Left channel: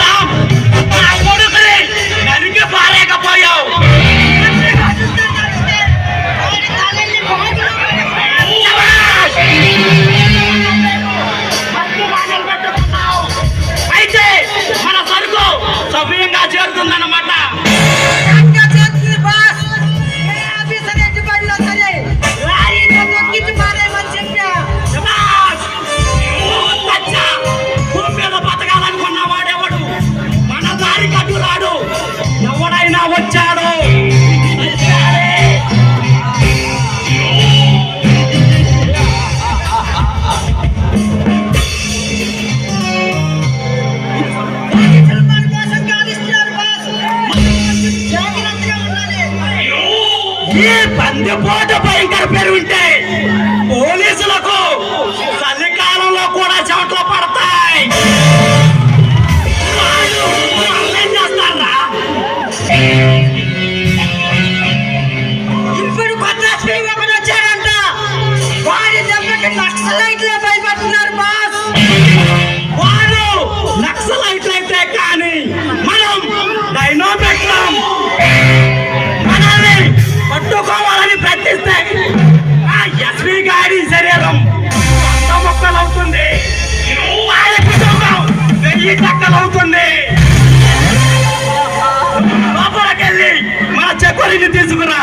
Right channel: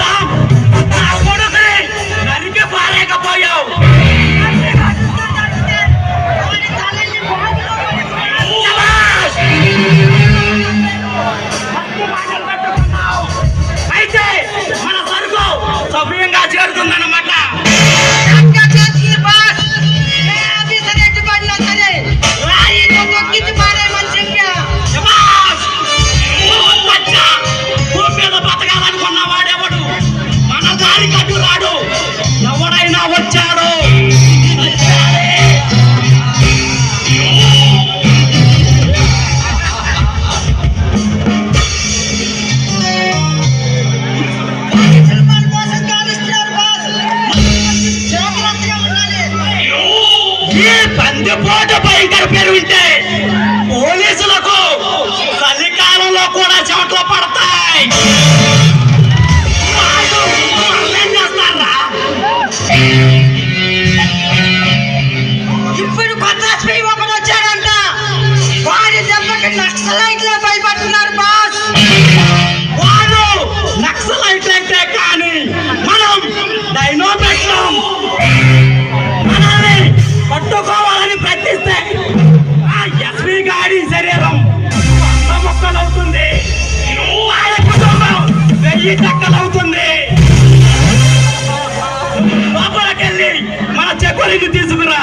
నా కొడుకుని నరికి పారేకపోయావు. అయితే మన సరుకు సవ్యంగా చేరుతుందన్నమాట. భూమి మీద బతకాలనుకున్న వాడెవడు మన దారి కట్టు రాడు. ఎవడైనా వచ్చాడు ఈ బందిపోటు భయంకర పెరుగుంటే పోలీసులకు చలికాలంలో కూడా చెమటలు పడతాయి. వాళ్ళు ఏం చేస్తారా? ఇప్పుడు కొత్త స్త్రీ ఒకరు వచ్చాడంట. వాడి దెబ్బకి నక్సలైట్లు భయపడుతున్నారు బాస్. వాళ్ళు నక్సలైట్లు అయితే కానీ మనం డైనో పెట్టాం. మనల్ని పట్టుకోవాలని ప్రయత్నిస్తే ఆ ఎస్పీ గారి శరీరం మొక్కలవుతుంది. ఆయన కుటుంబం 1000 చెక్కలవుతుంది. లోపలికెళ్ళి మన చెక్కులిని తీసుకురా.